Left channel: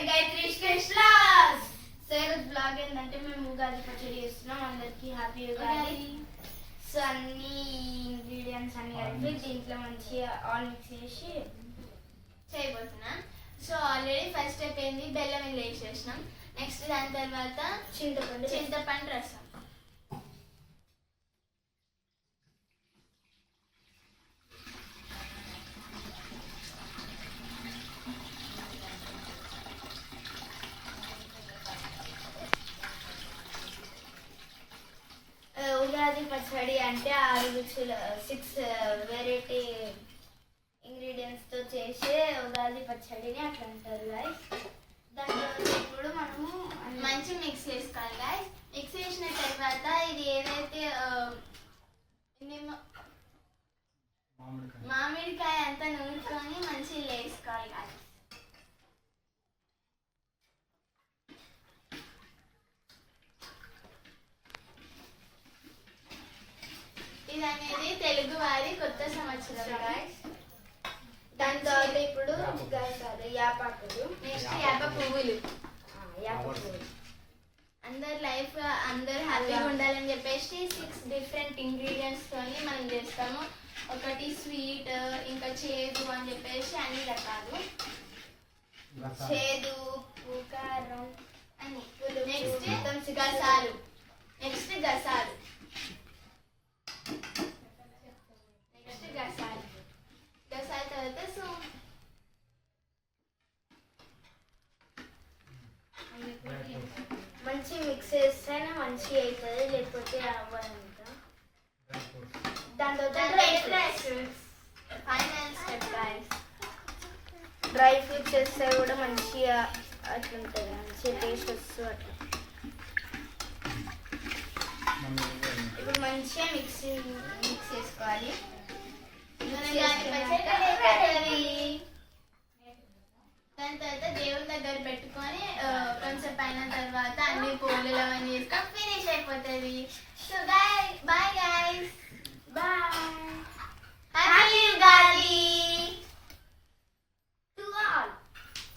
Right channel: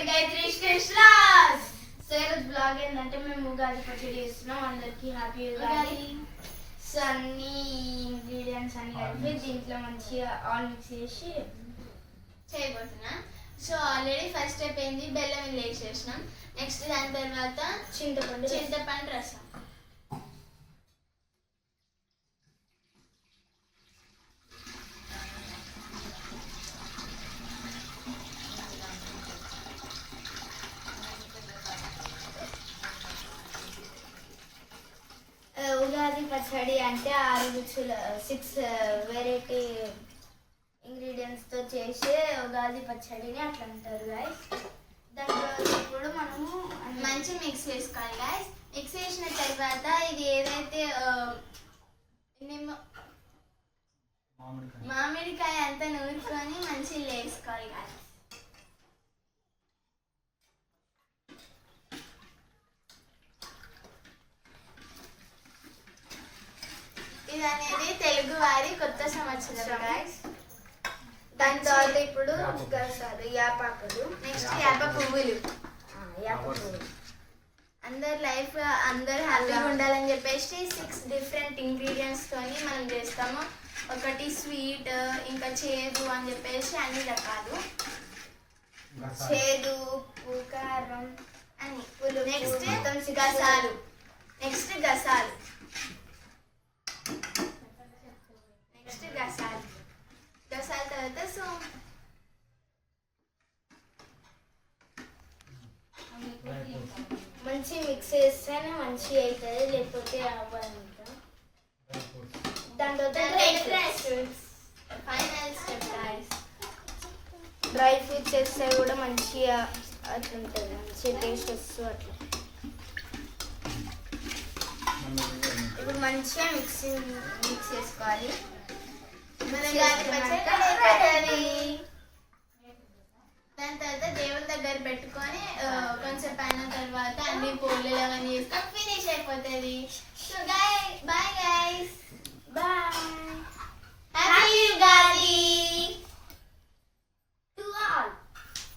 So ఈరోజు blog ఏంటంటే మేము ఉగాది పచ్చడి చేస్తున్నాం. అందరికి హ్యాపీ ఉగాది. సో అన్ని ఇంగ్రీడియంట్స్ అన్ని కలిపి దీంట్లో మంచిగా ఆల్ మిక్స్ చేసి చేయబోతున్నా. సో ఆల్రెడీ ఫస్ట్ స్టెప్ ఏంది, బెల్లం ఇలా వేసేసినాం. నెక్స్ట్ దాని తర్వాత చింతపండు రసం. ఉగాది పచ్చడి అంటే 6 రుచుల 6 వెరైటీ ఇంగ్రీడియంట్స్తో చేసే ఉగాది పచ్చడిని అట్లా అంటారు గాయస్. దాంట్లో ఇప్పుడు మనము మంచి మిక్స్ వేసుకోవాలి గాయస్. మిక్స్ చేసిన తర్వాత ఇది ఏదైతే మామిడికాయ అంతా నూరుకొని మంచిగా వేసుకోవాలి గాయస్. ఇది అనేది తెలుగు వారి కొత్త సంవత్సరం గాయస్. దాని తర్వాత ఇప్పుడు యాపాకులు, నెక్స్ట్ యాప పువ్వులు. యాప పువ్వులు అందరు హ్యాపీగా ఉండాలని చెప్పేసి 6 డిఫరెంట్ ఇంగ్రీడియంట్స్ తోని మనం చేస్తాము. ఒకటి స్వీట్, ఇంకా చేదు అని చెప్పేసి అన్ని రకాలు. చేదు, ఉప్పు, కారం అన్ని. నెక్స్ట్ గసాలు. నెక్స్ట్ గసాలు. గసాల తర్వాత సో మంచి మిక్స్ చేస్తేనే మంచి అవుతుంది, లేకపోతే అవ్వాలంట. దాని తర్వాత final step guys. Dry fruits వేస్తే కూడా మంచిగా అట్లుంటుంది, మంచిగా టేస్ట్ వస్తుంది అట్లా. ఇప్పుడు మంచిగా మిక్స్ చేసుకోవాలి. దాని తర్వాత దేవుని దగ్గర పెట్టుకొని కొంచెం పైన తర్వాత అన్ని పూలు అవన్నీ చేస్తాం, ఫినిష్ అయిపోతుంది. So guys